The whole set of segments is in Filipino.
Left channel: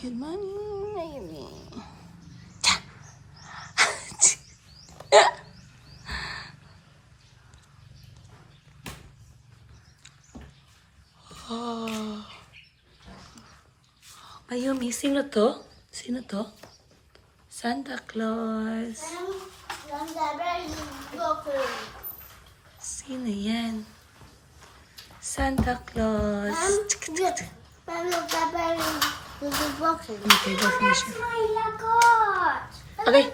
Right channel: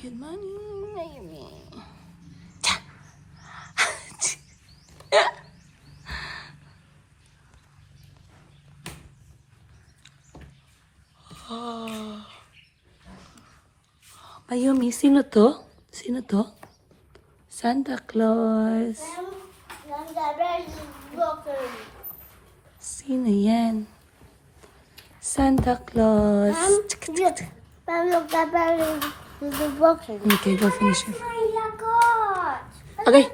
Good morning, baby. Oh. Mayumi, sino to? Sino to? Santa Claus. Sino yan? Santa Claus. Okay, go finish it. Okay.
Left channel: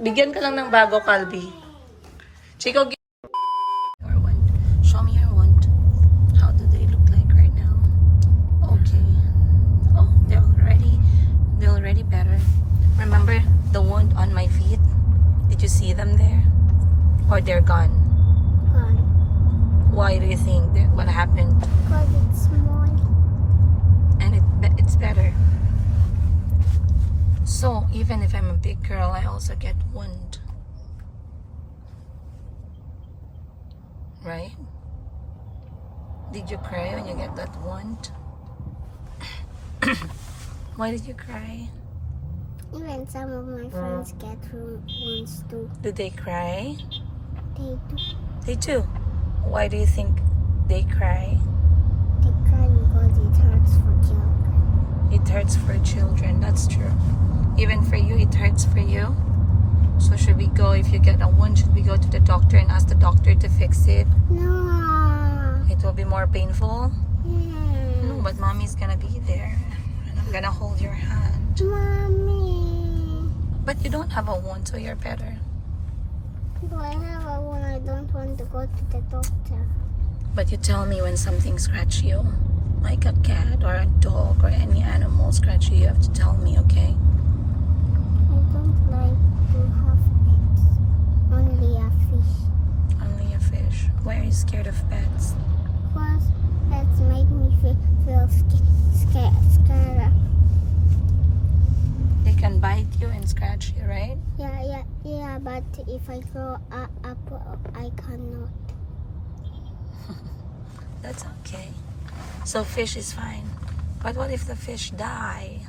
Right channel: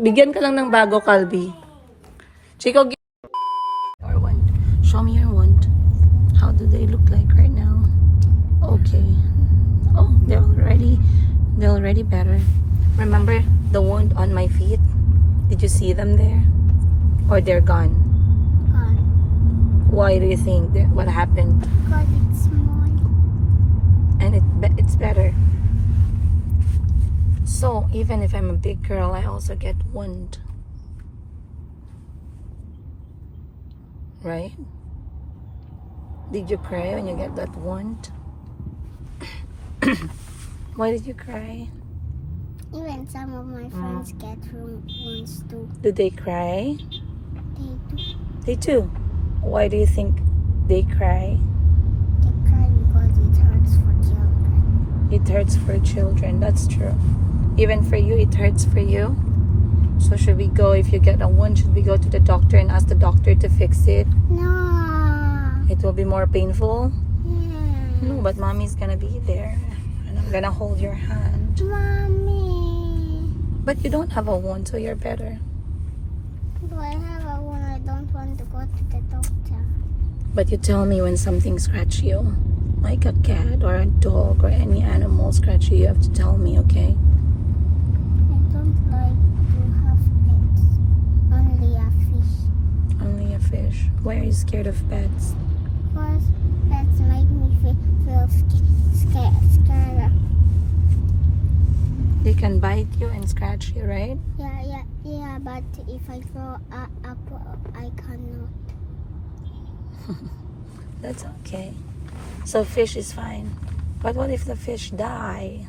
Bigyan ka lang ng bago, Calby. Chico, or one. Show me your wand. How do they look like right now? Okay. Oh, they're already better. Remember the wound on my feet? Did you see them there? Or they're gone? Gone. Why do you think? What happened? Because it's small. And it's better. So even if I'm a big girl, I also get wound. Right? Did you cry when you get that wound? Why did you cry? Even some of my friends get wounds too. Did they cry? They do. They do. Why do you think they cry? They cry because it hurts for children. It hurts for children. That's true. Even for you, it hurts for you. So should we go, if you get a wound, should we go to the doctor and ask the doctor to fix it? No. It will be more painful? Yeah. No, but mommy's gonna be there. And I'm gonna hold your hand. Mommy. But you don't have a wound, so you're better. But I have a wound. I don't want to go to the doctor. But you tell me when something scratches you. Like a cat or a dog or any animal scratch you, you have to tell me, okay? I don't like to have pets. Only a fish. Only a fish. Why are you scared of pets? Because pets make me feel scared. They can bite you and scratch you, right? Yeah, but if I grow up, I cannot. That's okay. So fish is fine. But what if the fish die?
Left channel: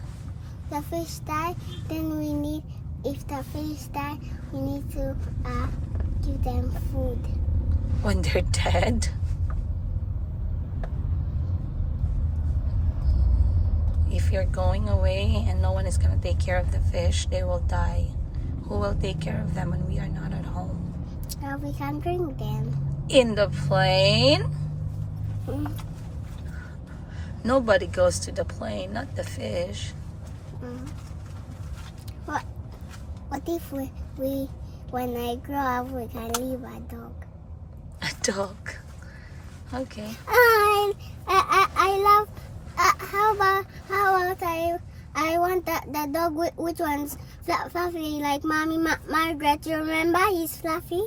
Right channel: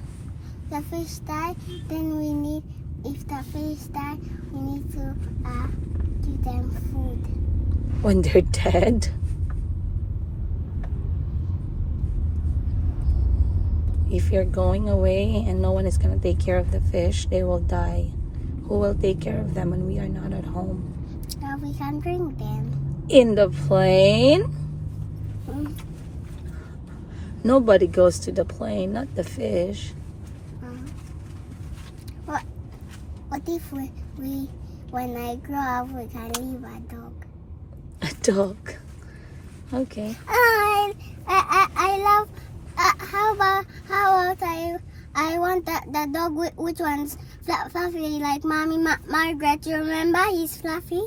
The fish die, then if the fish die, we need to give them food. When they're dead? If you're going away and no one is going to take care of the fish, they will die. Who will take care of them when we are not at home? We can bring them. In the plane? Mm. Nobody goes to the plane, not the fish. What if we when I grow up, we can leave a dog? A dog. Okay. I love. How about I want the dog which one's fluffy like Mommy Margaret. You remember he's fluffy?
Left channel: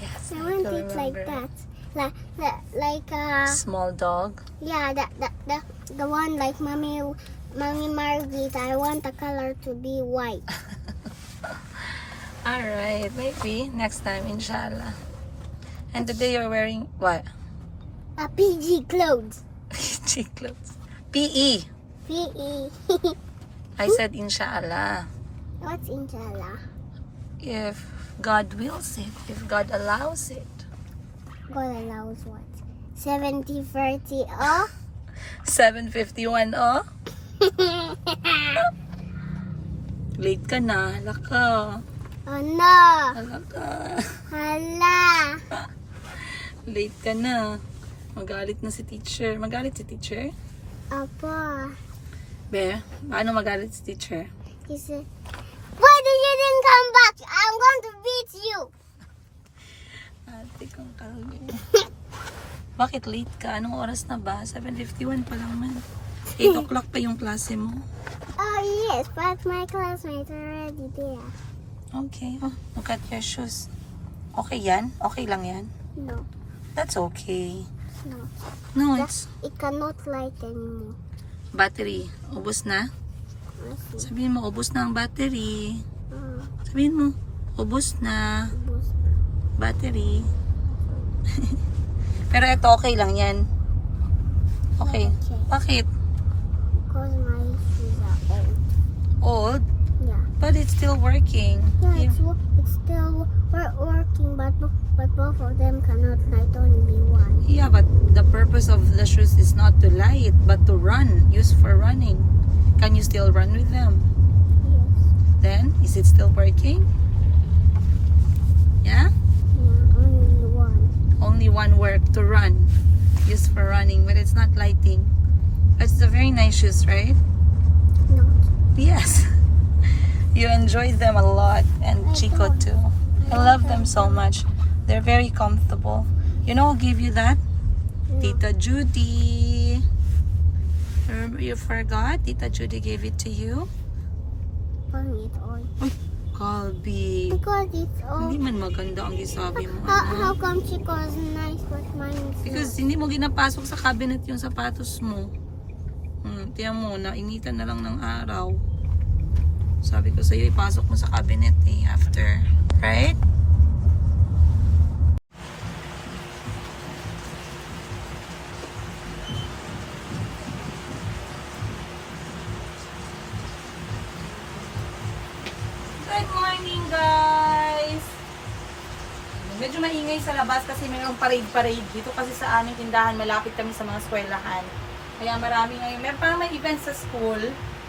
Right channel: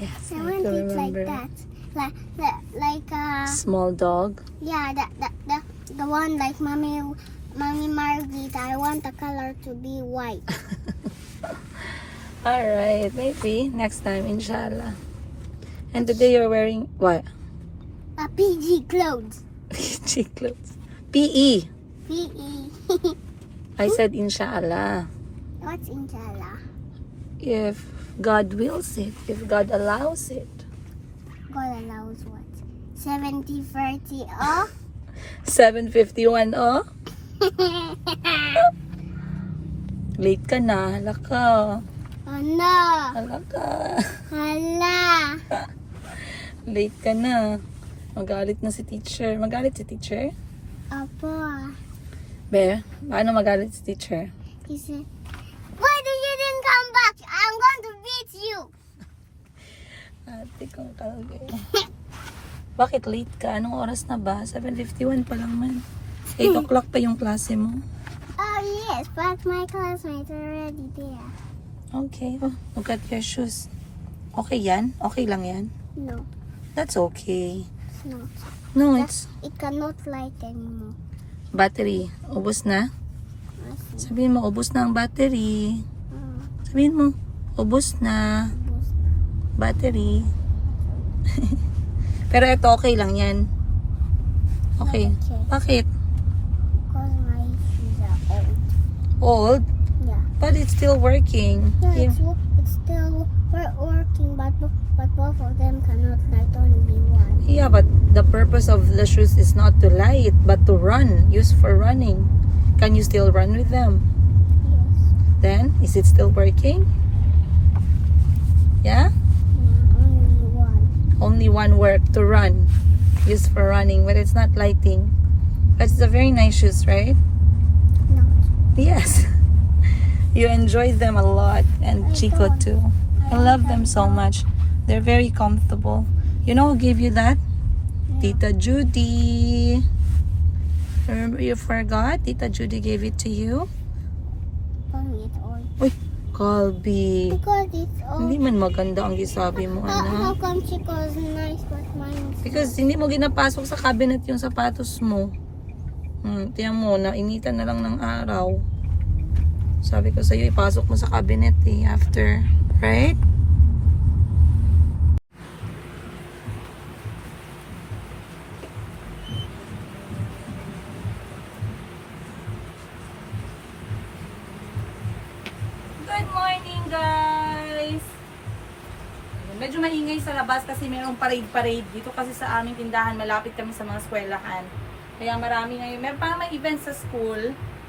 Yes, I want do it like remember. that. Like Small dog. yeah, the one like Mommy Margaret. I want the color to be white. Alright, maybe next time, inshallah. And today you're wearing what? A PG clothes. Cheap clothes. PE. PE. I said inshallah. What's inshallah? If God wills it, if God allows it. God allows what? 70-30 off? 7:51, oh. Late ka na, hala ka. Oh no! Hala ka. Hala! Late ka na. Magalit na si teacher. Magalit si teacher? Apa? Be, paano magalit si teacher? He said, why do you didn't come back? I'm going to beat you. Ate kong kalbi. Bakit late ka? Anong oras na ba? 7:51 pa lang man. 8 o'clock pa yung klase mo. Oh yes, but my classmates are already there. Okay. Oh, look at your shoes. Okay yan? Okay lang yan? No, That's okay. no. No, it's It cannot light anymore. battery. Ubos na? I see. Sabihin mo, ubos na ang battery. Uh, Sabihin mo, ubos na boost. battery. Pero ito okay lang yan. Okay. Bakit? Because my shoes are old, Yeah. but it's still working. Yeah, it's still working, but both of them cannot light, only one. Yeah, but the purpose of the shoes is not to light, but to run, used for running. Can you still run with them? Yes. Then, is it still working? Yeah? Yeah, only one. Only one work to run, used for running, but it's not lighting. That's a very nice shoes, right? Not. Yes. You enjoy them a lot, and Chico too. I love them so much. They're very comfortable. You know who gave you that? Yeah. Tita Judy. Remember, you forgot? Tita Judy gave it to you? Pangit all. Uy, Colby. Because it's all. Hindi man maganda ang gisabi mo, How anak. come Chico's nice but mine is Because hindi mo ginapasok sa cabinet yung sapatos mo. Tiyan mo, nainitan na lang ng araw. Sabi ko sa'yo, ipasok mo sa cabinet after. Right? Good morning, guys! Medyo maingay sa labas kasi mayroong parade-parade. Dito kasi sa aming tindahan, malapit kami sa mga eskwelahan. Kaya marami ngayon. Meron pa may events sa school.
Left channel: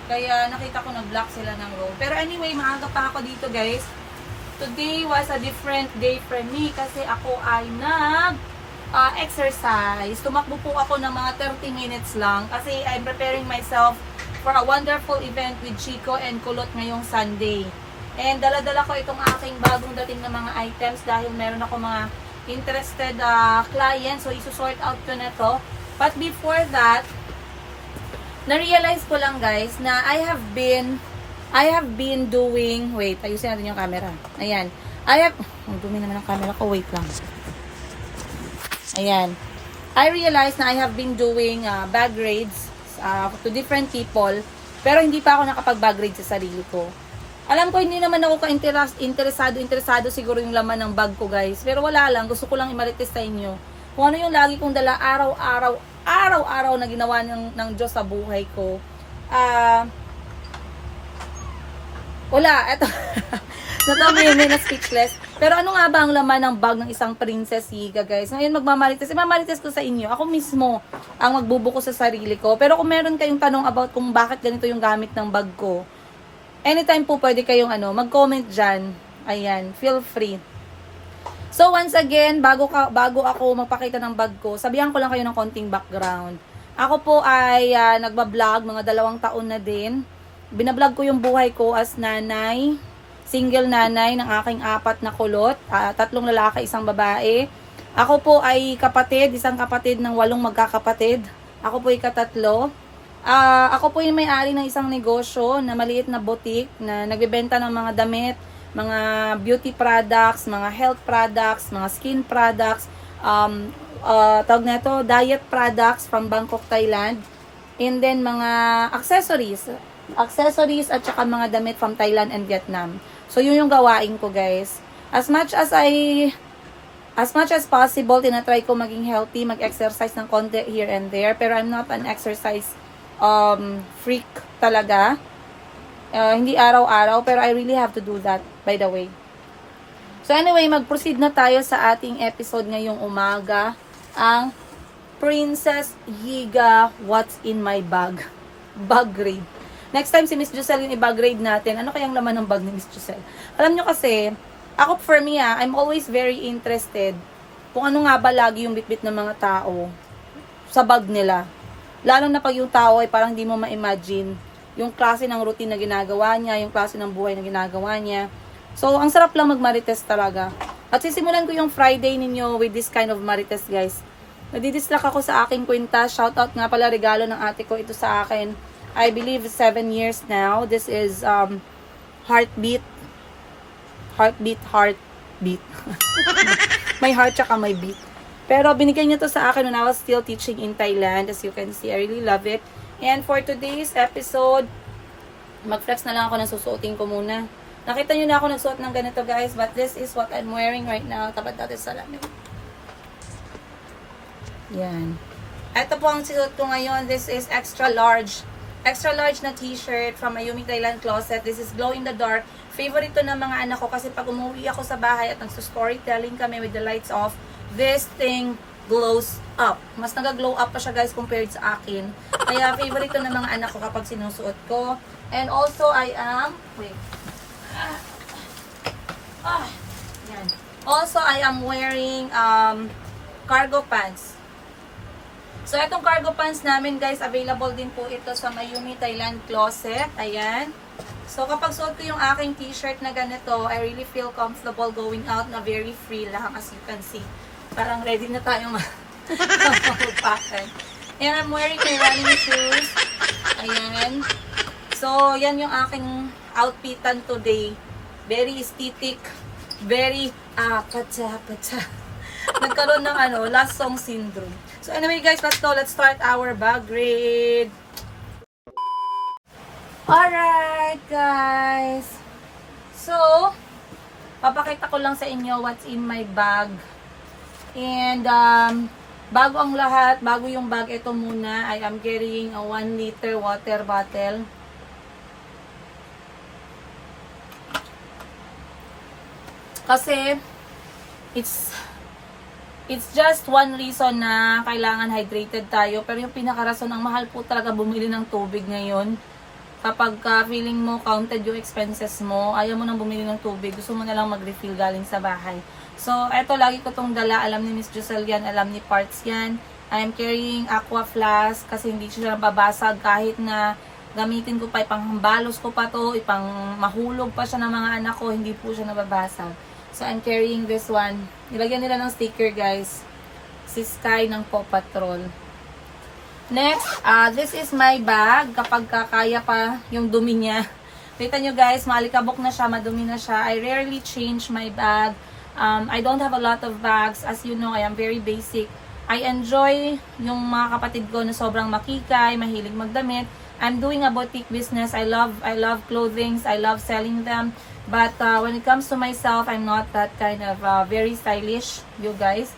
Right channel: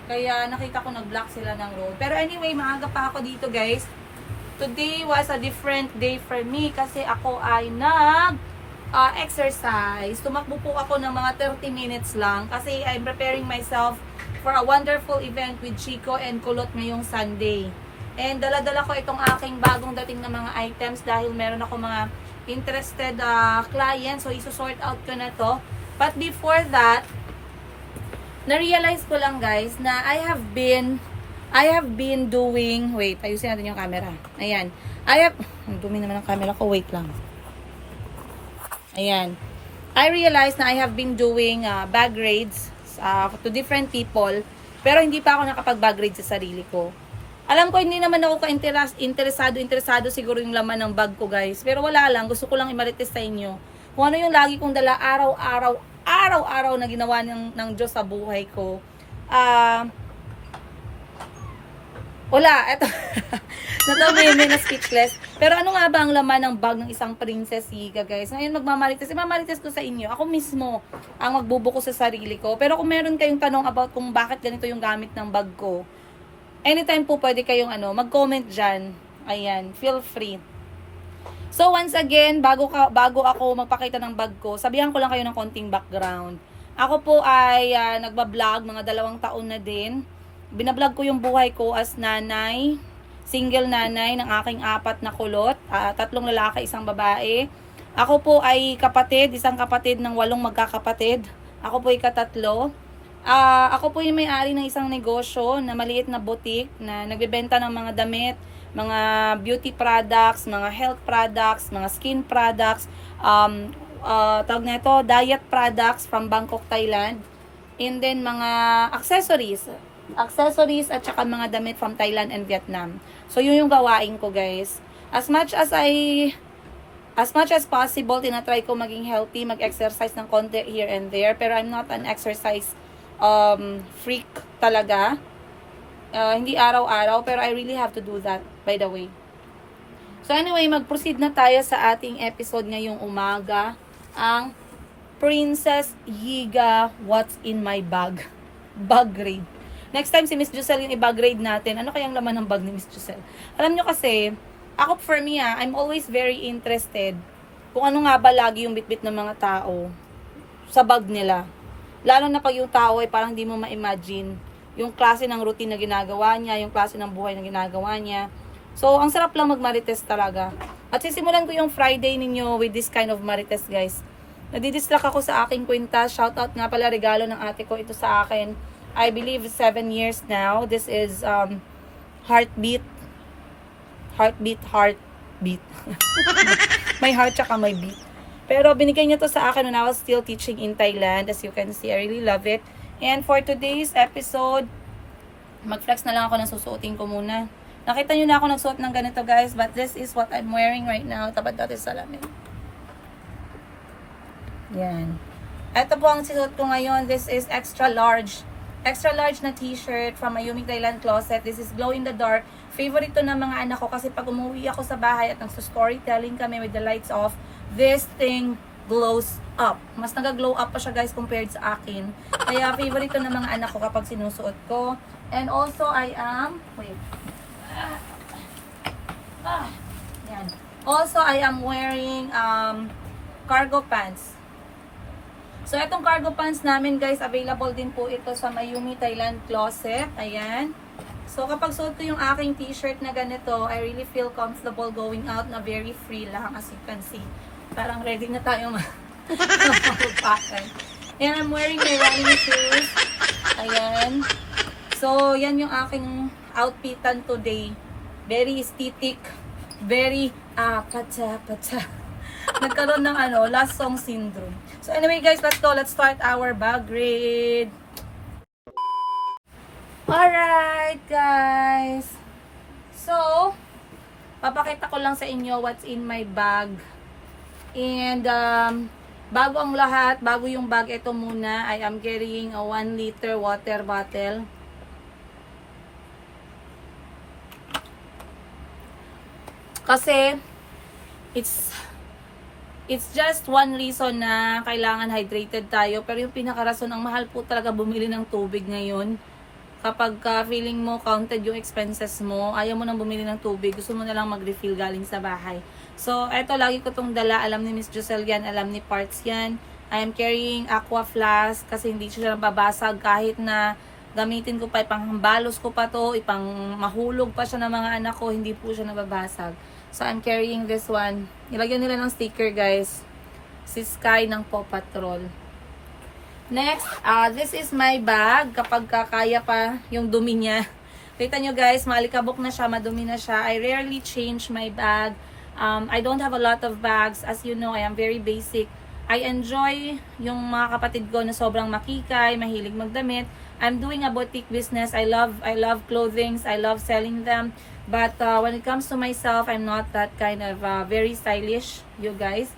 Kaya nakita ko nag-block sila ng road. Pero anyway, maaga pa ako dito, guys. Today was a different day for me kasi ako ay exercise. Tumakbo po ako ng mga 30 minutes lang kasi I'm preparing myself for a wonderful event with Chico and Kulot ngayong Sunday. And dala-dala ko itong aking bagong dating na mga items dahil meron ako mga interested clients. So, isusort out ko na to. But before that, na-realize ko lang guys na I have been doing, wait, ayusin natin yung camera. Ayan. Ang dumi naman ang camera ko, wait lang. Ayan. I realized na I have been doing bag raids to different people, pero hindi pa ako nakapag-bag raid sa sarili ko. Alam ko hindi naman ako interesado siguro yung laman ng bag ko guys, pero wala lang, gusto ko lang i-marites sa inyo. Kung ano yung lagi kong dala araw-araw na ginawa ng Diyos sa buhay ko. Wala, eto. Natabi yun na speechless. Pero ano nga ba ang laman ng bag ng isang Princess Higa, guys? Ngayon magmamarites. Mamarites ko sa inyo. Ako mismo ang magbubuko sa sarili ko. Pero kung meron kayong tanong about kung bakit ganito yung gamit ng bag ko, anytime po pwede kayong mag-comment dyan. Ayan, feel free. So once again, bago ako magpakita ng bag ko, sabihan ko lang kayo ng konting background. Ako po ay nagbablog mga 2 taon na din. Binablog ko yung buhay ko as nanay, single nanay ng aking 4 na kulot, 3 lalaki, 1 babae. Ako po ay isang kapatid ng 8 magkakapatid. Ako po ay katatlo. Ako po yung may-ari ng isang negosyo na maliit na boutique na nagbebenta ng mga damit, mga beauty products, mga health products, mga skin products, tawag na ito, diet products from Bangkok, Thailand. And then mga accessories at saka mga damit from Thailand and Vietnam. So yun yung gawain ko guys. As much as possible, tinatry ko maging healthy, mag-exercise ng konti here and there, pero I'm not an exercise freak talaga. Hindi araw-araw, pero I really have to do that, by the way. So anyway, mag-proceed na tayo sa ating episode ngayong umaga, ang Princess Higa What's in My Bag. Bag grade. Next time si Miss Giselle yung i-bag grade natin, ano kayang laman ng bag ni Miss Giselle? Alam nyo kasi, ako for me I'm always very interested kung ano nga ba lagi yung bitbit ng mga tao sa bag nila. Lalo na pag yung tao ay parang hindi mo ma-imagine yung klase ng routine na ginagawa niya, yung klase ng buhay na ginagawa niya. So, ang sarap lang mag-marites talaga. At sisimulan ko yung Friday ninyo with this kind of marites, guys. Nadidistract ako sa aking kwintas. Shoutout nga pala, regalo ng ate ko ito sa akin. I believe 7 years now. This is Heartbeat. May heart tsaka may beat. Pero binigay niya to sa akin when I was still teaching in Thailand. As you can see, I really love it. And for today's episode, mag-flex na lang ako ng susuotin ko muna. Nakita nyo na ako nagsuot ng ganito guys, but this is what I'm wearing right now. Tapat natin sa salamin. Yan. Ito po ang suot ko ngayon. This is extra large. extra large na t-shirt from Ayumi Thailand Closet. This is glow in the dark. Favorite to ng mga anak ko kasi pag umuwi ako sa bahay at nagso-storytelling kami with the lights off, this thing glows up. Mas nag-glow up pa siya guys compared sa akin. Kaya favorite to ng mga anak ko kapag sinusuot ko. And also I am, yan. Also I am wearing cargo pants. So, itong cargo pants namin, guys, available din po ito sa Mayumi Thailand Closet. Ayan. So, kapag suot ko yung aking t-shirt na ganito, I really feel comfortable going out na very free lang, as you can see. Parang ready na tayo mag-pattern. And I'm wearing my running shoes. Ayan. So, yan yung aking outfitan today. Very aesthetic. Very, pata. Nagkaroon ng last song syndrome. So anyway guys, let's go. Let's start our bag read. Alright guys. So, papakita ko lang sa inyo what's in my bag. And bago ang lahat, bago yung bag, ito muna. I am carrying a 1 liter water bottle. Kasi, It's just one reason na kailangan hydrated tayo. Pero yung pinakarason, ang mahal po talaga bumili ng tubig ngayon. Kapag feeling mo counted yung expenses mo, ayaw mo nang bumili ng tubig, gusto mo na lang mag-refill galing sa bahay. So, eto, lagi ko tong dala. Alam ni Miss Giselle yan, alam ni Parts yan. I am carrying aqua flask kasi hindi siya babasag kahit na gamitin ko pa, ipanghambalos ko pa to, ipang mahulog pa siya ng mga anak ko, hindi po siya nababasag. So, I'm carrying this one. Nilagyan nila ng sticker, guys. Si Sky ng Paw Patrol. Next, this is my bag. Kapag kaya pa yung dumi niya. Kita nyo, guys, maalikabok na siya, madumi na siya. I rarely change my bag. I don't have a lot of bags. As you know, I am very basic. I enjoy yung mga kapatid ko na sobrang makikay, mahilig magdamit. I'm doing a boutique business. I love clothing. I love selling them. But when it comes to myself, I'm not that kind of very stylish, you guys.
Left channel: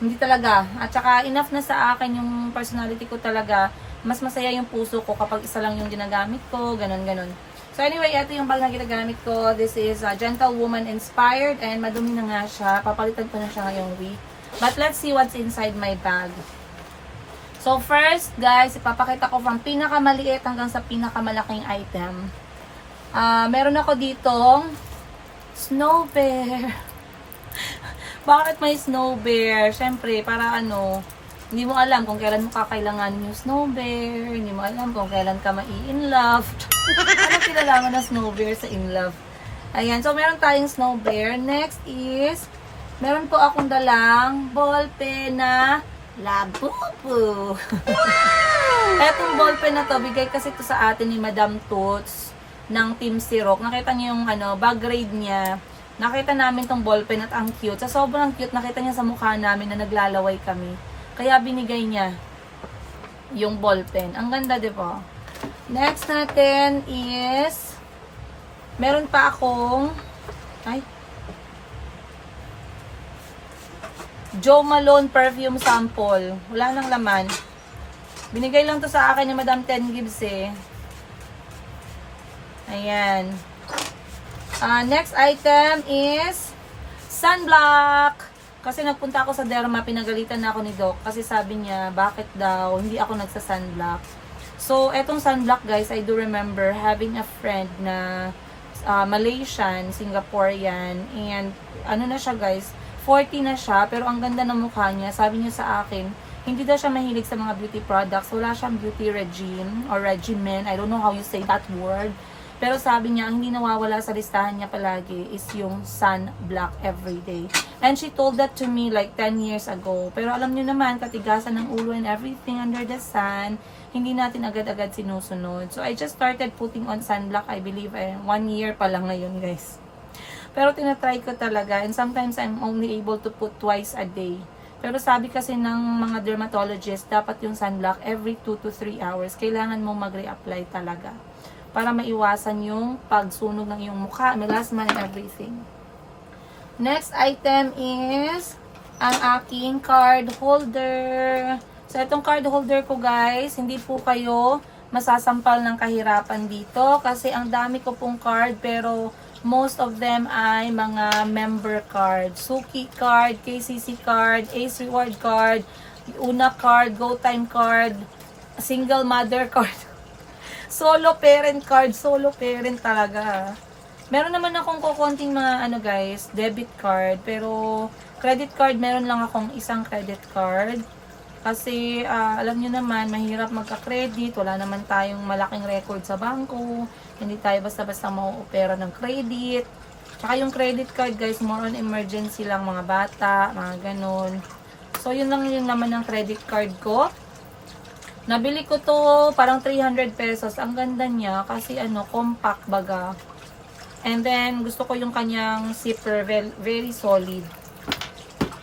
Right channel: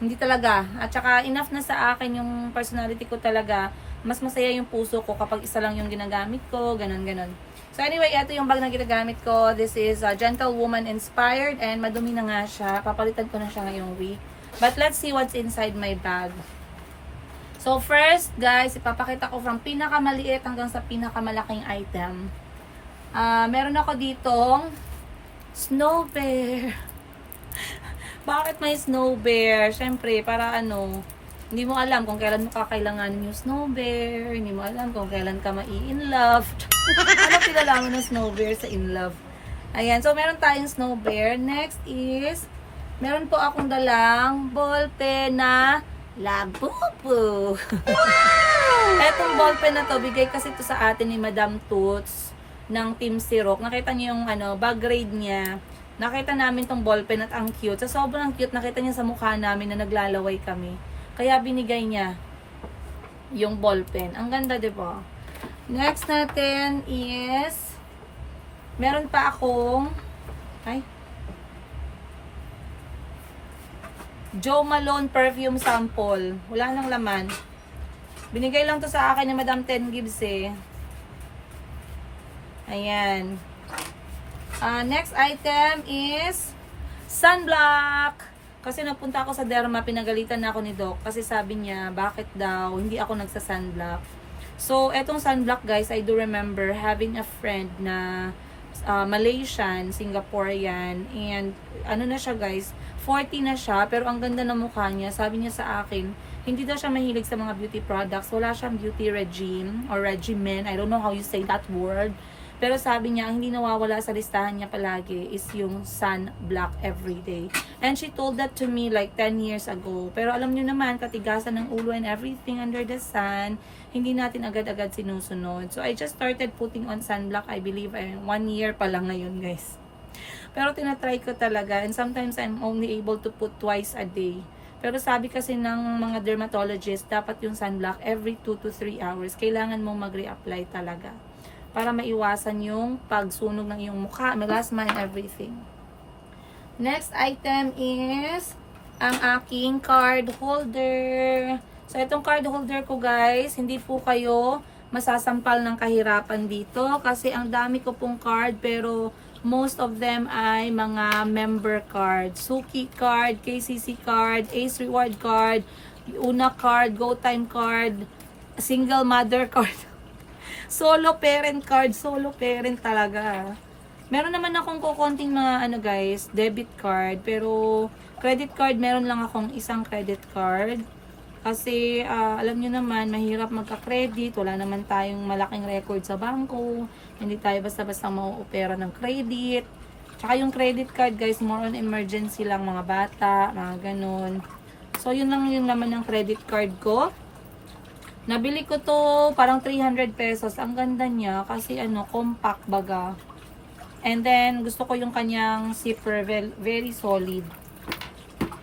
Hindi talaga. At saka enough na sa akin yung personality ko talaga. Mas masaya yung puso ko kapag isa lang yung ginagamit ko, ganon. So anyway, ito yung bag na ginagamit ko. This is Gentlewoman inspired and madumi na nga siya. Papalitan ko na siya ngayong week. But let's see what's inside my bag. So first, guys, ipapakita ko from pinakamaliit hanggang sa pinakamalaking item. Meron ako ditong snow bear. Bakit may snow bear? Siyempre, para hindi mo alam kung kailan mo kakailanganin yung snow bear. Hindi mo alam kung kailan ka mai-in love. Ano pinalaman ng snow bear sa in love? Ayan, so meron tayong snow bear. Next is, meron po akong dalang ballpen na Labubu. Etong ballpen na to, bigay kasi to sa atin ni Madam Toots ng Team Sirok. Nakita niyo yung bag grade niya. Nakita namin tong ballpen at ang cute. Sa sobrang cute, nakita niya sa mukha namin na naglalaway kami. Kaya binigay niya yung ballpen. Ang ganda, di ba? Next natin is meron pa akong Jo Malone perfume sample. Wala nang laman. Binigay lang to sa akin ni Madam 10 Gibbs eh. Ayan. Next item is sunblock. Kasi nagpunta ako sa derma, pinagalitan na ako ni Doc. Kasi sabi niya, bakit daw hindi ako nagsa-sunblock. So, etong sunblock guys, I do remember having a friend na Malaysian, Singaporean. And ano na siya guys, 40 na siya, pero ang ganda ng mukha niya. Sabi niya sa akin, hindi daw siya mahilig sa mga beauty products. Wala siyang beauty regime or regimen. I don't know how you say that word. Pero sabi niya, ang hindi nawawala sa listahan niya palagi is yung sunblock everyday. And she told that to me like 10 years ago. Pero alam niyo naman, katigasan ng ulo and everything under the sun, hindi natin agad-agad sinusunod. So I just started putting on sunblock, I believe, 1 year pa lang ngayon guys. Pero tinatry ko talaga and sometimes I'm only able to put twice a day. Pero sabi kasi ng mga dermatologist, dapat yung sunblock every 2 to 3 hours. Kailangan mong mag-reapply talaga. Para maiwasan yung pagsunog ng iyong mukha, melasma and everything. Next item is ang aking card holder. So, itong card holder ko guys, hindi po kayo masasampal ng kahirapan dito kasi ang dami ko pong card pero most of them ay mga member card. Suki card, KCC card, Ace Reward card, Una card, Go Time card, Single Mother card, Solo Parent card, Solo Parent talaga. Meron naman akong kukonting mga guys, debit card, pero credit card meron lang akong isang credit card. Kasi alam nyo naman, mahirap magka-credit, wala naman tayong malaking record sa bangko, hindi tayo basta-basta mau-opera ng credit. Tsaka yung credit card guys, more on emergency lang, mga bata, mga ganun. So yun lang yung naman ng credit card ko. Nabili ko to parang 300 pesos. Ang ganda niya kasi compact baga. And then gusto ko yung kanyang zipper, very solid.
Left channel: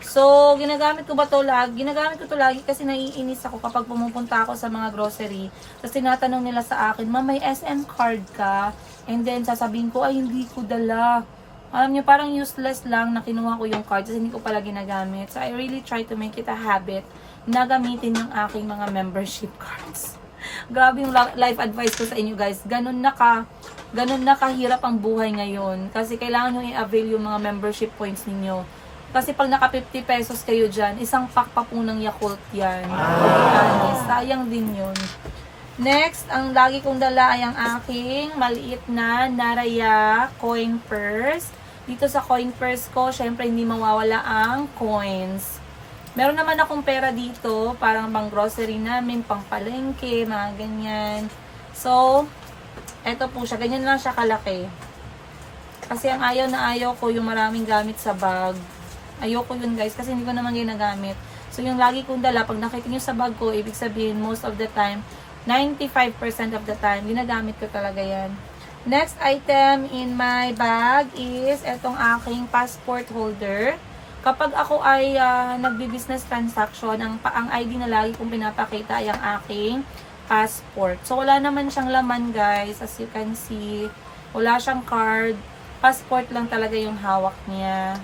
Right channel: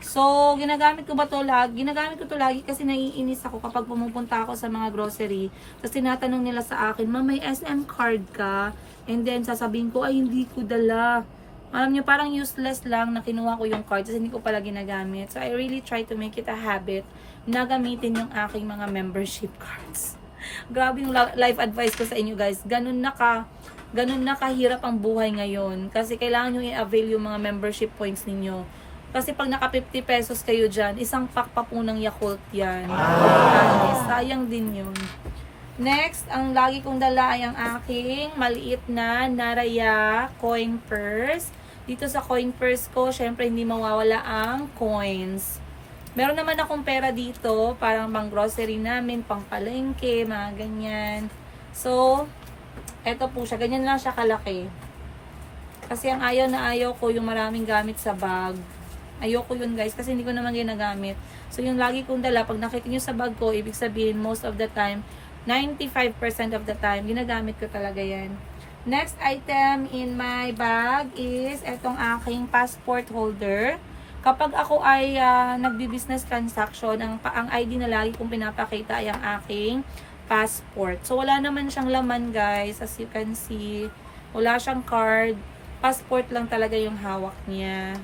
So, ginagamit ko ba to lagi? Ginagamit ko to lagi kasi naiinis ako kapag pumupunta ako sa mga grocery. Tapos tinatanong nila sa akin, "Ma'am, may SM card ka?" And then sasabihin ko, "Ay, hindi ko dala." Alam nyo, parang useless lang na kinuha ko yung card kasi hindi ko pala ginagamit. So, I really try to make it a habit na gamitin yung aking mga membership cards. Grabe yung life advice ko sa inyo guys. Ganun na kahirap ang buhay ngayon. Kasi kailangan nyo i-avail yung mga membership points ninyo. Kasi pag naka 50 pesos kayo dyan, isang pack pa po ng Yakult yan. Sayang din yun. Next, ang lagi kong dala ay ang aking maliit na Naraya coin purse. Dito sa coin purse ko, syempre hindi mawawala ang coins. Meron naman akong pera dito, parang pang grocery namin, pang palengke, mga ganyan. So, eto po siya. Ganyan lang siya kalaki. Kasi ang ayaw na ayaw ko yung maraming gamit sa bag. Ayoko yun guys kasi hindi ko naman ginagamit. So yung lagi kong dala, pag nakita nyo sa bag ko, ibig sabihin most of the time, 95% of the time, ginagamit ko talaga yan. Next item in my bag is etong aking passport holder. Kapag ako ay nagbi-business transaction, ang ID na lagi kong pinapakita ay ang aking passport. So wala naman siyang laman guys, as you can see. Wala siyang card. Passport lang talaga yung hawak niya.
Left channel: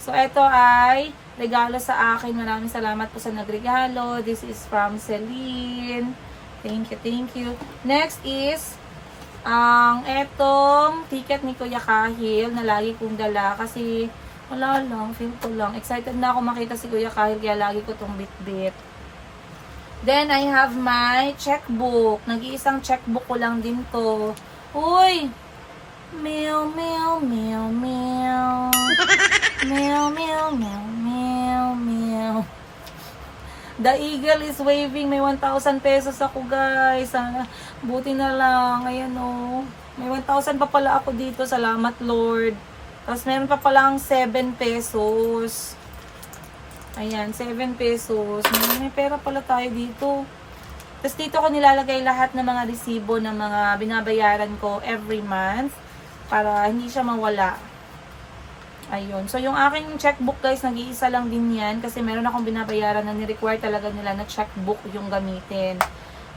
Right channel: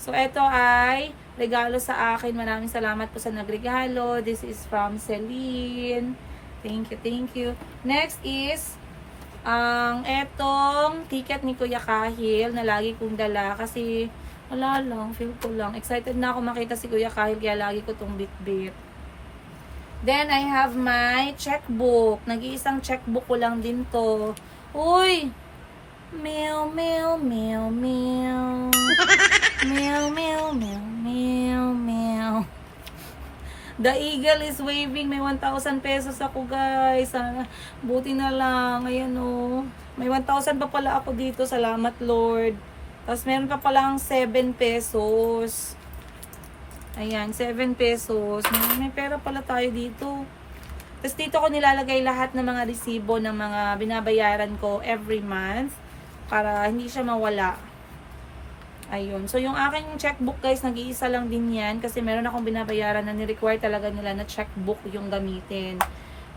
So, ito ay regalo sa akin. Maraming salamat po sa nagregalo. This is from Celine. Thank you, thank you. Next is, etong ticket ni Kuya Kahil na lagi kong dala. Kasi, wala lang, feel ko lang. Excited na ako makita si Kuya Kahil, kaya lagi ko tong bit-bit. Then, I have my checkbook. Nag-iisang checkbook ko lang din to. Uy! Meow, meow, meow, meow. Meow, meow, meow, meow, meow. The eagle is waving. May 1,000 pesos ako, guys. Sana, buti na lang. Ayan, oh. May 1,000 pa pala ako dito. Salamat, Lord. Tapos, meron pa pala ang 7 pesos. Ayan, 7 pesos. May pera pala tayo dito. Tapos, dito ko nilalagay lahat ng mga resibo ng mga binabayaran ko every month para hindi siya mawala. Ayun. So, yung aking checkbook, guys, nag-iisa lang din yan kasi meron akong binabayaran na ni-require talaga nila na checkbook yung gamitin.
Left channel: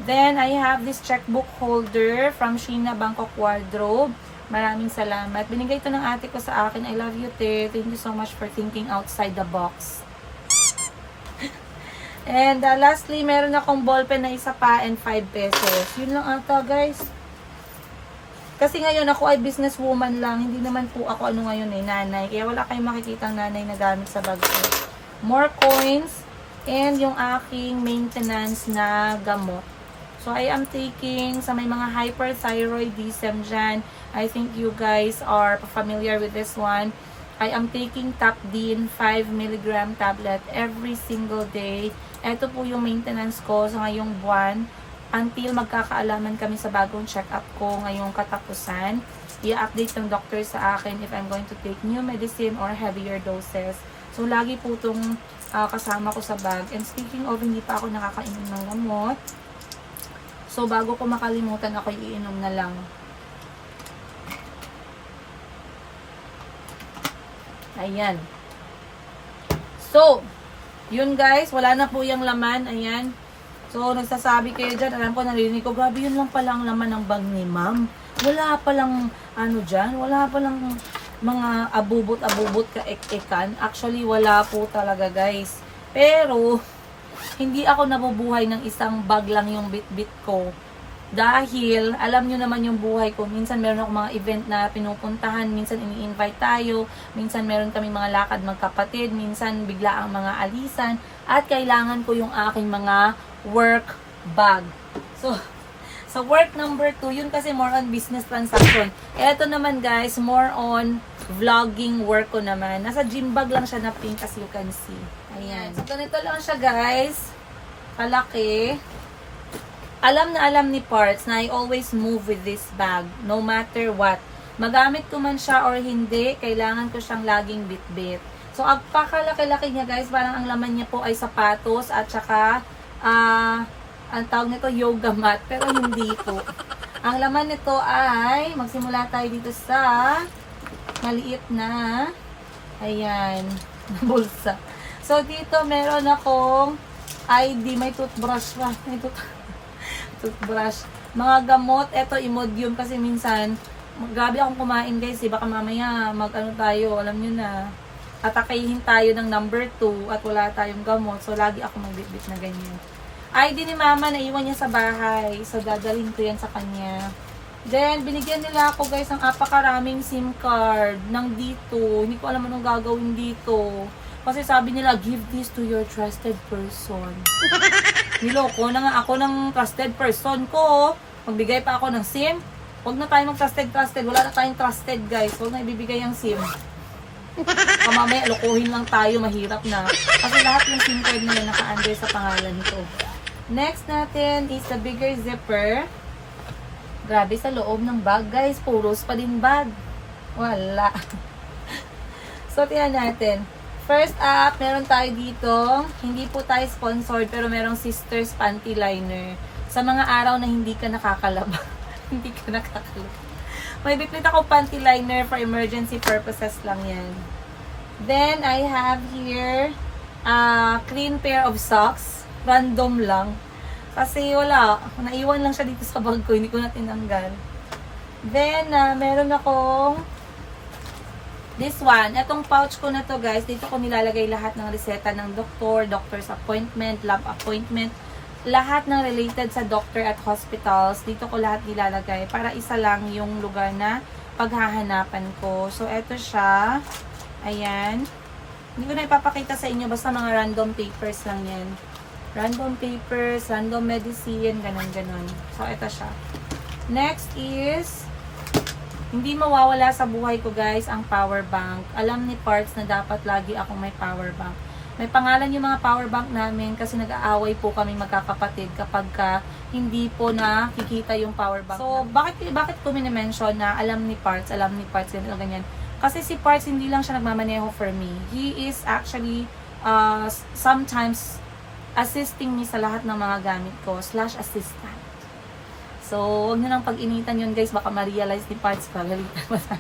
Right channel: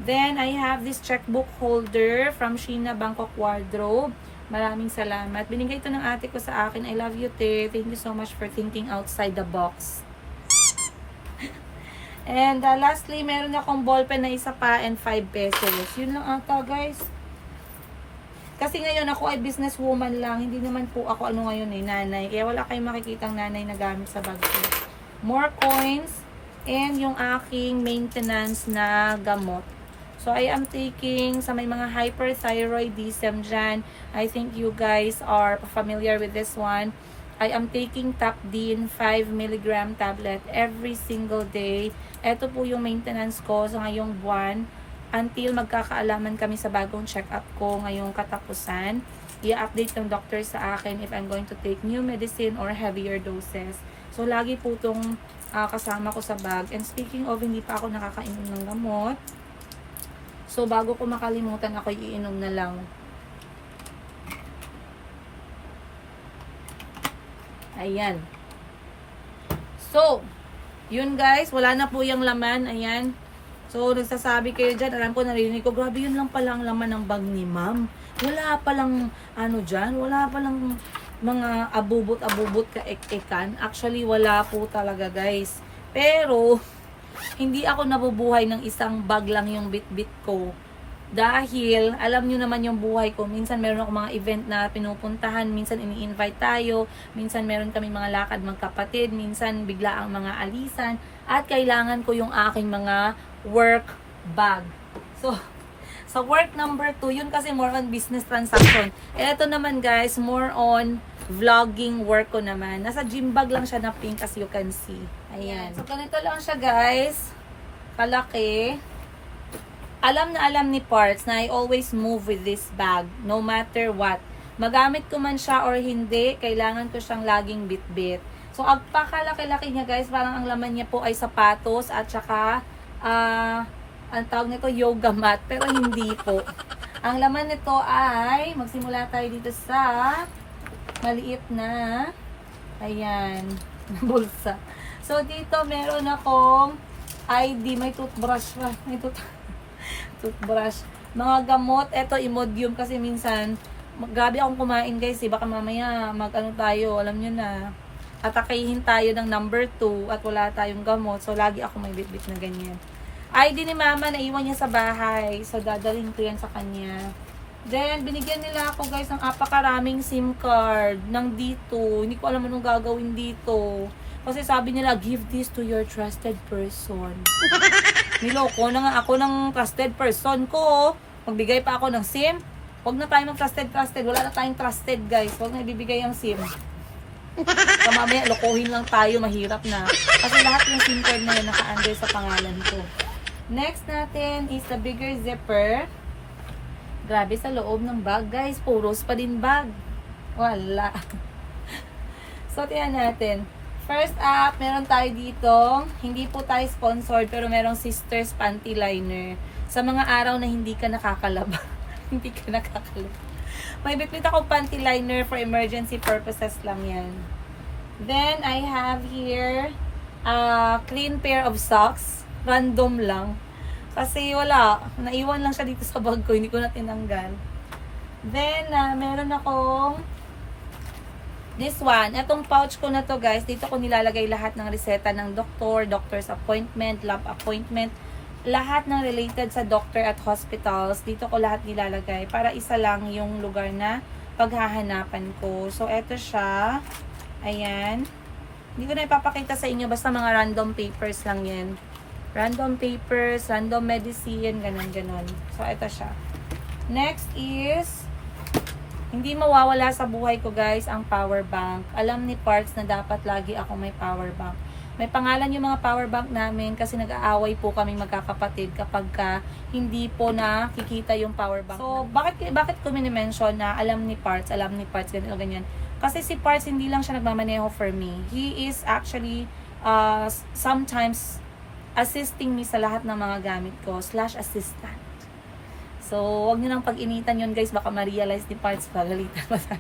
Then, I have this checkbook holder from Sheena Bangkok Wardrobe. Maraming salamat. Binigay ito ng ate ko sa akin. I love you, te. Thank you so much for thinking outside the box. And, lastly, meron akong ballpen na isa pa and 5 pesos. Yun lang ata, guys. Kasi ngayon ako ay businesswoman lang, hindi naman po ako ngayon nanay. Kaya wala kayong makikitang nanay na gamit sa bag ko. More coins and yung aking maintenance na gamot. So I am taking sa may mga hyperthyroidism dyan. I think you guys are familiar with this one. I am taking Tapdin 5 mg tablet every single day. Ito po yung maintenance ko sa ngayong buwan. Until magkakaalaman kami sa bagong check-up ko ngayong katapusan. I-update ng doctor sa akin if I'm going to take new medicine or heavier doses. So, lagi po itong kasama ko sa bag. And speaking of, hindi pa ako nakakainom ng gamot. So, bago ko makalimutan, ako iinom na lang. Ayan. So, yun guys. Wala na po yung laman. Ayan. So, nagsasabi kayo dyan, alam ko, narinig ko, grabe yun lang pala ang laman ng bag ni ma'am. Wala palang, dyan, wala palang mga abubot-abubot ka-ek-ekan. Actually, wala po talaga, guys. Pero, hindi ako nabubuhay ng isang bag lang yung bit-bit ko. Dahil, alam nyo naman yung buhay ko. Minsan meron ako mga event na pinupuntahan, minsan ini-invite tayo, minsan meron kami mga lakad magkapatid, minsan bigla ang mga alisan, at kailangan ko yung aking mga work bag. So, sa work number 2, yun kasi more on business transaction. Eto naman guys, more on vlogging work ko naman. Nasa gym bag lang siya na pink as you can see. Ayan. So, ganito lang siya guys. Palaki. Alam na alam ni Parts na I always move with this bag, no matter what. Magamit ko man siya or hindi, kailangan ko siyang laging bit-bit. So, ang pakalaki-laki niya guys, parang ang laman niya po ay sapatos at saka, ang tawag nito yoga mat, pero hindi po. Ang laman nito ay, magsimula tayo dito sa maliit na, ayan, bulsa. So, dito meron akong ID, may toothbrush pa, may toothbrush. Mga gamot, eto Imodium kasi minsan, grabe akong kumain guys eh, baka mamaya mag-ano tayo, alam nyo na, atakayin tayo ng number 2 at wala tayong gamot, so lagi ako may bit-bit na ganyan. ID ni mama, naiwan niya sa bahay, so dadalhin ko yan sa kanya. Then, binigyan nila ako guys ng apakaraming SIM card ng dito, hindi ko alam anong gagawin dito. Kasi sabi nila, give this to your trusted person. Niloko na nga ako ng trusted person ko. Magbigay pa ako ng SIM. Huwag na tayo mag-trusted. Wala na tayong trusted guys. Huwag na ibibigay ang SIM. Mamaya, lokohin lang tayo. Mahirap na. Kasi lahat yung SIM card na yun naka-under sa pangalan ko. Next natin is the bigger zipper. Grabe sa loob ng bag guys. Puros pa din bag. Wala. So, tiyan natin. First up, meron tayo dito, hindi po tayo sponsored, pero merong Sisters Panty Liner. Sa mga araw na hindi ka nakakalaba. Hindi ka nakakalaba. May bitbit ako panty liner for emergency purposes lang yan. Then, I have here a clean pair of socks. Random lang. Kasi wala, naiwan lang siya dito sa bag ko, hindi ko na tinanggal. Then, meron akong this one, etong pouch ko na to guys, dito ko nilalagay lahat ng reseta ng doktor, doctor's appointment, lab appointment, lahat ng related sa doctor at hospitals, dito ko lahat nilalagay para isa lang yung lugar na paghahanapan ko. So, eto siya. Ayan. Hindi ko na ipapakita sa inyo, basta mga random papers lang yan. Random papers, random medicine, ganon-ganon. So, eto siya. Next is, hindi mawawala sa buhay ko guys ang power bank. Alam ni Parks na dapat lagi akong may power bank. May pangalan yung mga power bank namin kasi nag-aaway po kami magkakapatid kapag hindi po nakikita yung power bank. So, bakit ko minimension na alam ni Parks, ganito ganyan. Kasi si Parks hindi lang siya nagmamaneho for me. He is actually sometimes assisting me sa lahat ng mga gamit ko, /assistant. So, huwag nyo nang pag-initan yun guys, baka ma-realize ni Parts, pagalitan mo sa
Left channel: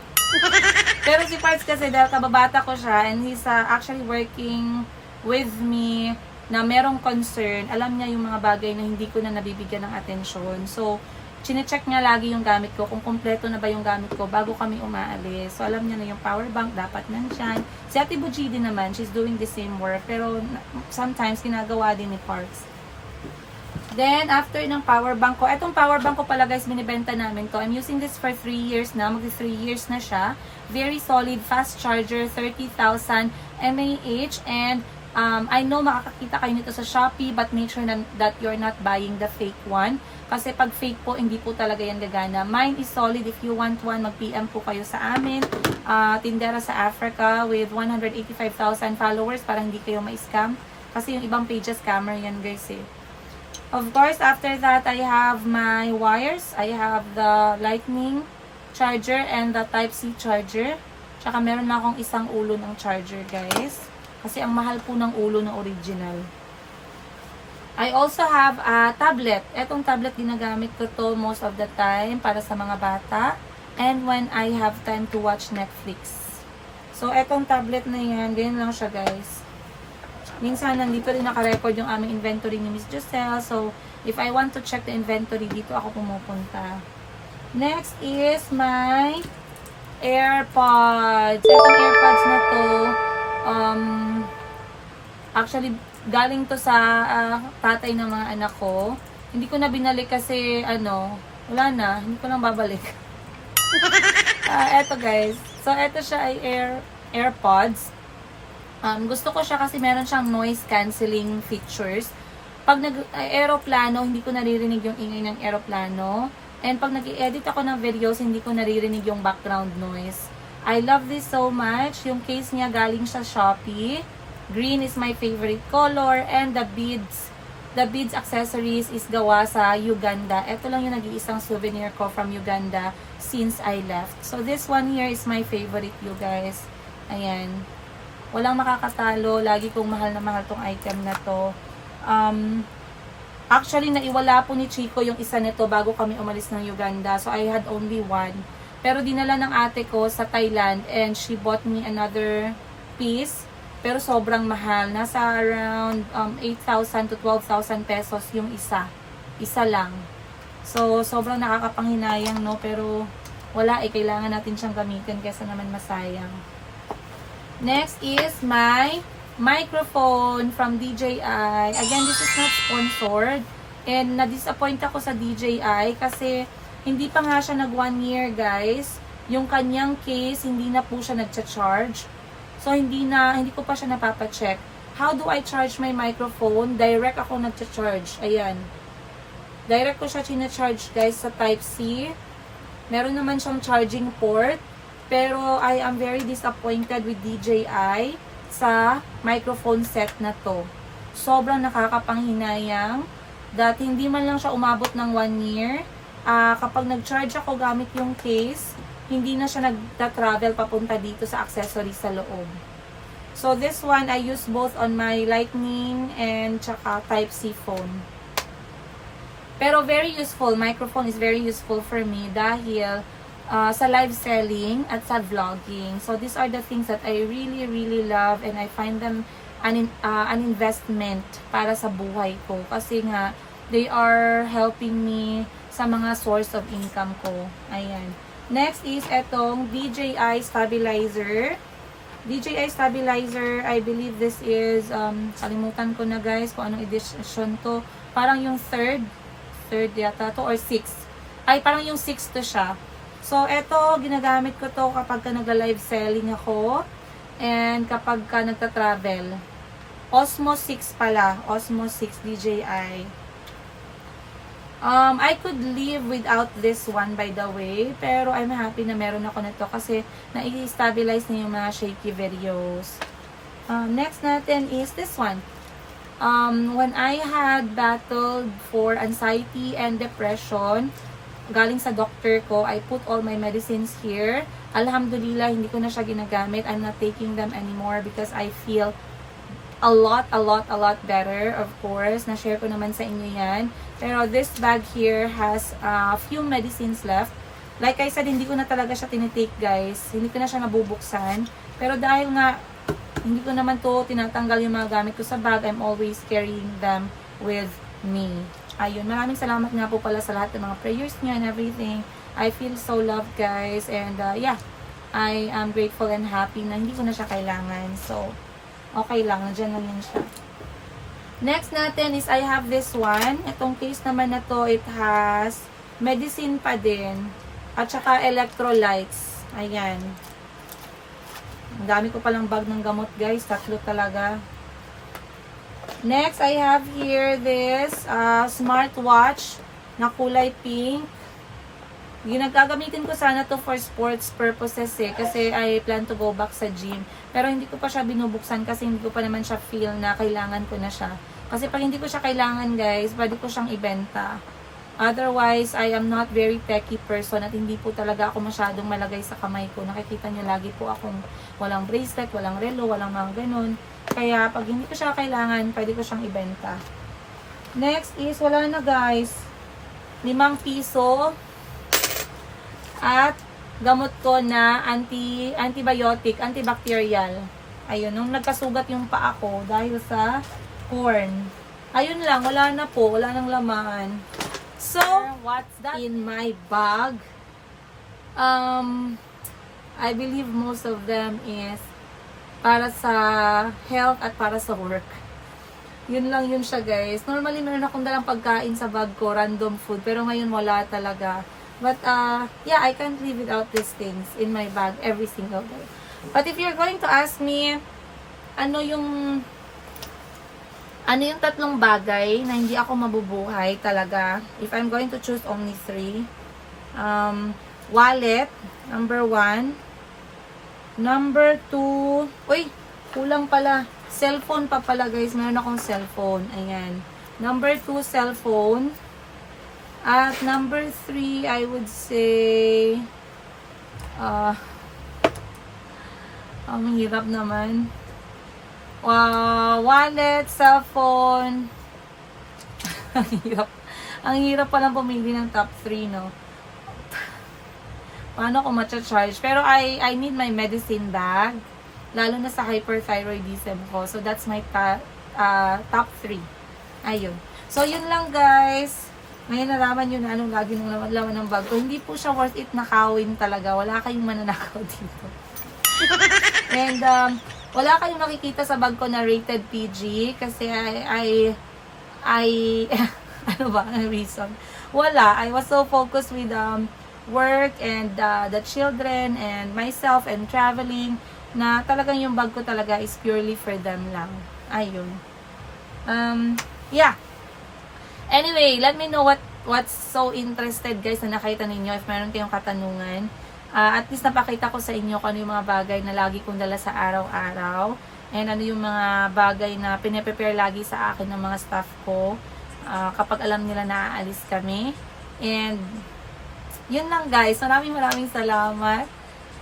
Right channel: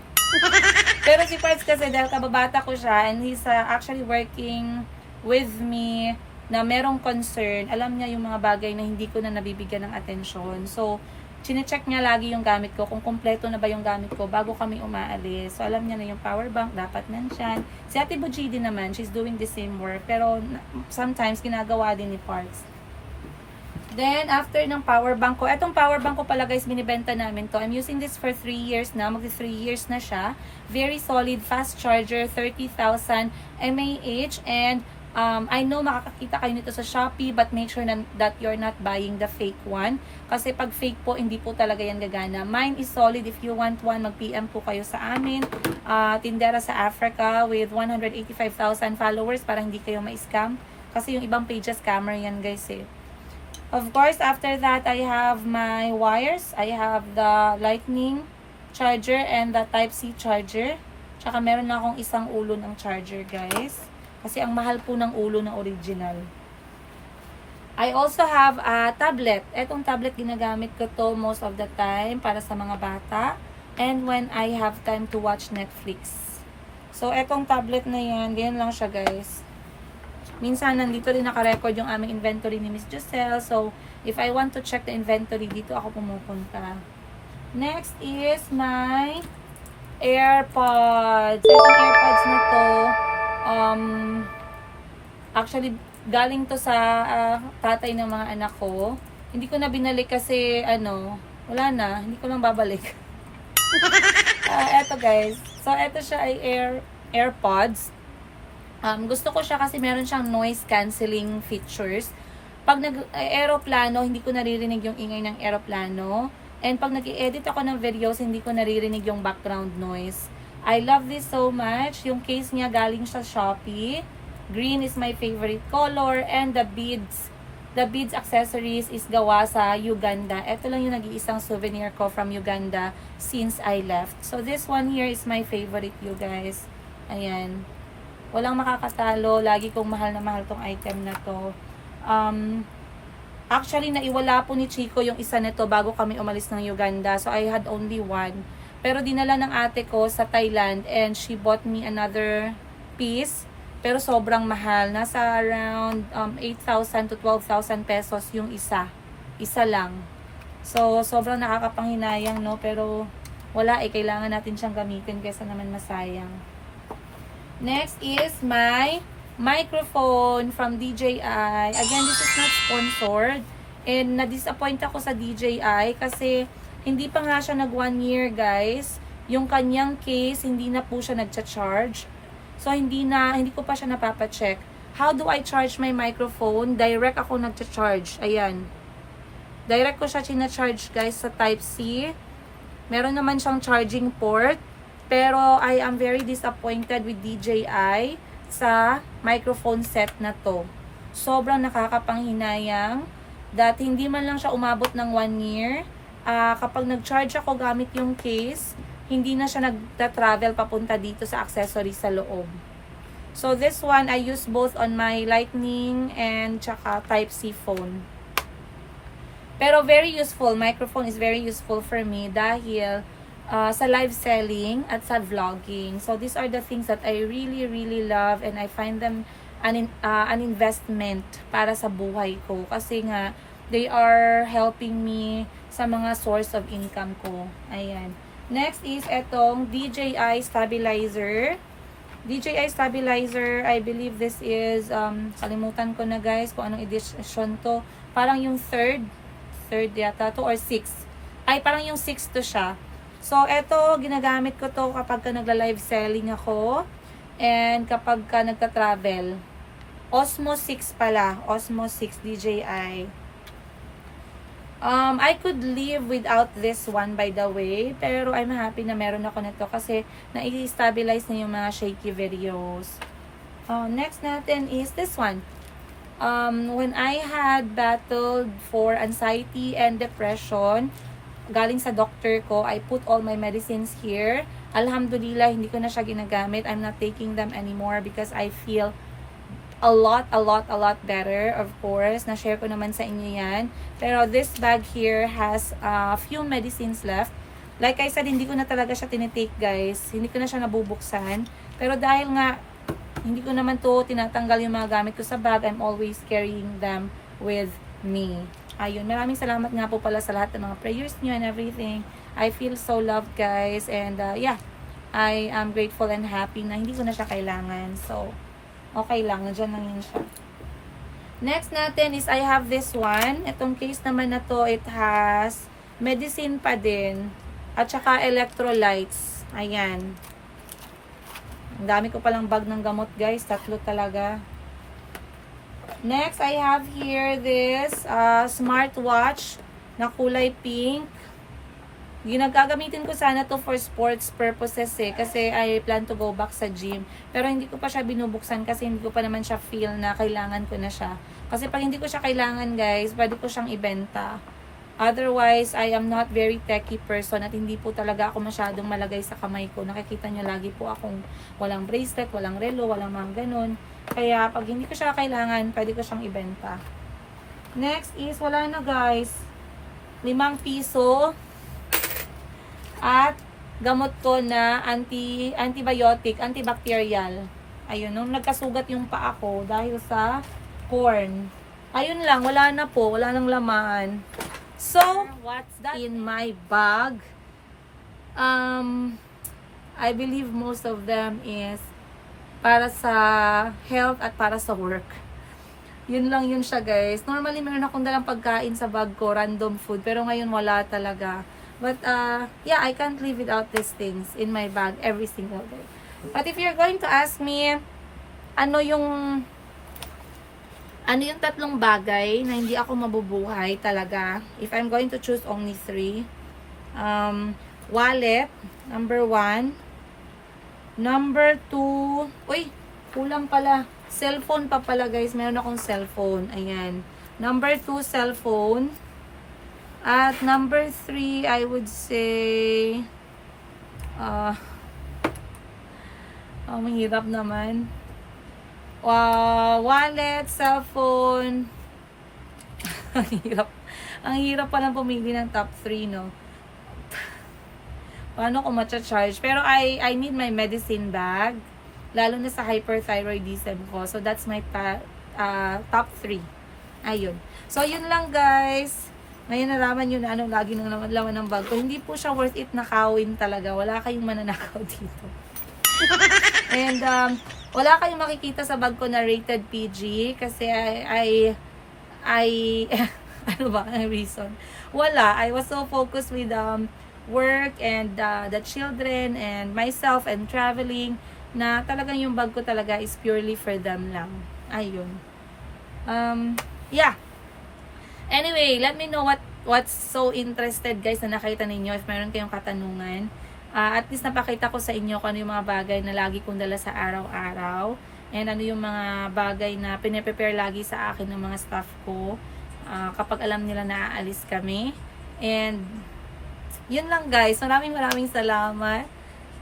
Pero si Parts kasi, dahil kababata ko siya, and he's actually working with me, na merong concern, alam niya yung mga bagay na hindi ko na nabibigyan ng atensyon. So, chine-check niya lagi yung gamit ko, kung kompleto na ba yung gamit ko bago kami umaalis. So, alam niya na yung power bank, dapat nandyan. Si Ate Buji din naman, she's doing the same work, pero sometimes ginagawa din ni Parts. Then, after ng power bank ko, etong power bank ko pala guys, binibenta namin to. I'm using this for 3 years na, magdi 3 years na siya. Very solid, fast charger, 30,000 mAh, and I know makakakita kayo nito sa Shopee, but make sure that you're not buying the fake one. Kasi pag fake po, hindi po talaga yan gagana. Mine is solid. If you want one, mag-PM po kayo sa amin. Tindera sa Africa with 185,000 followers para hindi kayo ma-scam. Kasi yung ibang pages, scammer yan guys eh. Of course, after that, I have my wires. I have the lightning charger and the Type-C charger. Tsaka meron na akong isang ulo ng charger, guys. Kasi ang mahal po ng ulo na original. I also have a tablet. Etong tablet, ginagamit ko to most of the time para sa mga bata. And when I have time to watch Netflix. So, etong tablet na yan, ganyan lang siya, guys. Minsan, nandito rin naka-record yung aming inventory ni Miss Giselle. So, if I want to check the inventory, dito ako pumupunta. Next is my AirPods. Itong AirPods na to, actually, galing to sa tatay ng mga anak ko. Hindi ko na binalik kasi, wala na. Hindi ko lang babalik. Eto guys. So, eto siya ay AirPods. Gusto ko siya kasi meron siyang noise cancelling features. Pag nag-aeroplano, hindi ko naririnig yung ingay ng aeroplano. And pag nag-edit ako ng videos, hindi ko naririnig yung background noise. I love this so much. Yung case niya galing sa Shopee. Green is my favorite color. And the beads accessories is gawa sa Uganda. Ito lang yung nag-iisang souvenir ko from Uganda since I left. So this one here is my favorite, you guys. Ayan. Walang makakatalo. Lagi kong mahal na mahal tong item na to. Actually, naiwala po ni Chico yung isa nito bago kami umalis ng Uganda. So, I had only one. Pero dinala ng ate ko sa Thailand and she bought me another piece. Pero sobrang mahal. Nasa around 8,000 to 12,000 pesos yung isa. Isa lang. So, sobrang nakakapanghinayang, no? Pero wala kailangan natin siyang gamitin kaysa naman masayang. Next is my microphone from DJI. Again, this is not sponsored. And na-disappoint ako sa DJI kasi hindi pa nga siya nag 1 year, guys. Yung kanyang case, hindi na po siya nagcha-charge. So, hindi ko pa siya napapacheck. How do I charge my microphone? Direct ako nagcha-charge. Ayan. Direct ko siya china-charge, guys, sa Type-C. Meron naman siyang charging port. Pero I am very disappointed with DJI sa microphone set na to. Sobrang nakakapanghinayang that hindi man lang siya umabot ng 1 year. Kapag nag-charge ako gamit yung case, hindi na siya nagta-travel papunta dito sa accessory sa loob. So this one, I use both on my Lightning and tsaka Type-C phone. Pero very useful. Microphone is very useful for me dahil sa live selling at sa vlogging. So these are the things that I really, really love and I find them an investment para sa buhay ko. Kasi nga, they are helping me sa mga source of income ko. Ayan. Next is etong DJI stabilizer. DJI stabilizer, I believe this is, kalimutan ko na guys kung anong edition to. Parang yung third yata to or 6th. Ay, parang yung 6th to siya. So, eto, ginagamit ko to kapag ka nagla-live selling ako and kapag ka nagta-travel. Osmo 6 pala. Osmo 6 DJI. I could live without this one by the way, pero I'm happy na meron ako nito kasi na-stabilize na yung mga shaky videos. Next natin is this one. When I had battled for anxiety and depression, galing sa doctor ko, I put all my medicines here. Alhamdulillah, hindi ko na siya ginagamit. I'm not taking them anymore because I feel a lot better, of course. Na-share ko naman sa inyo yan. Pero this bag here has a few medicines left. Like I said, hindi ko na talaga siya tinitake, guys. Hindi ko na siya nabubuksan. Pero dahil nga, hindi ko naman to tinatanggal yung mga gamit ko sa bag, I'm always carrying them with me. Ayun, maraming salamat nga po pala sa lahat ng mga prayers niyo and everything. I feel so loved, guys. And yeah, I am grateful and happy na hindi ko na siya kailangan. So, okay lang. Nandiyan lang yan siya. Next natin is I have this one. Itong case naman na to, it has medicine pa din. At saka electrolytes. Ayan. Ang dami ko palang bag ng gamot, guys. 3 talaga. Next, I have here this smartwatch na kulay pink. Ginagagamitin ko sana to for sports purposes kasi I plan to go back sa gym. Pero hindi ko pa siya binubuksan kasi hindi ko pa naman siya feel na kailangan ko na siya. Kasi pag hindi ko siya kailangan, guys, pwede ko siyang ibenta. Otherwise, I am not very techy person at hindi po talaga ako masyadong malagay sa kamay ko. Nakikita nyo lagi po akong walang bracelet, walang relo, walang mga ganun. Kaya pag hindi ko siya kailangan, pwede ko siyang ibenta. Next is, wala na guys, 5 piso. At gamot ko na antibiotic, antibacterial. Ayun, nung nagkasugat yung paa ko dahil sa corn. Ayun lang, wala na po, wala nang laman. So, what's that in my bag? I believe most of them is para sa health at para sa work. Yun lang yun siya, guys. Normally, meron akong dalang pagkain sa bag ko, random food. Pero ngayon, wala talaga. But, yeah, I can't live without these things in my bag every single day. But if you're going to ask me, ano yung tatlong bagay na hindi ako mabubuhay talaga, if I'm going to choose only 3, wallet, number 1. Number 2, uy, kulang pala. Cellphone pa pala, guys. Meron akong cellphone. Ayan. Number 2, cellphone. At number 3, I would say, mahirap naman. Wallet, cellphone. Ang hirap. Ang hirap palang pumili ng top 3, no? Paano ko matcha-charge? Pero I need my medicine bag. Lalo na sa hyperthyroidism ko. So, that's my top 3. Ayun. So, yun lang, guys. Ngayon, nalaman nyo na anong lagi nung laman ng bag ko. Hindi po siya worth it nakawin talaga. Wala kayong mananakaw dito. And, wala kayong makikita sa bag ko na rated PG. Kasi, ano ba ang reason? Wala. I was so focused with, work and the children and myself and traveling na talagang yung bag ko talaga is purely for them lang. Ayun. Yeah. Anyway, let me know what's so interested, guys, na nakita ninyo. If meron kayong katanungan, at least napakita ko sa inyo kung ano yung mga bagay na lagi kong dala sa araw-araw. And ano yung mga bagay na pinaprepare lagi sa akin ng mga staff ko kapag alam nila na aalis kami. And yun lang, guys. Maraming salamat.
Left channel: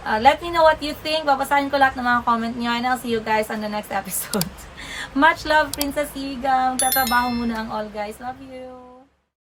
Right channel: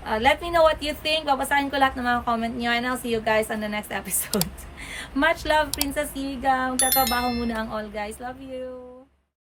Let me know what you think. Babasahin ko lahat ng mga comment nyo. And I'll see you guys on the next episode. Much love, Princess Iga. Magtatrabaho muna ang all, guys. Love you.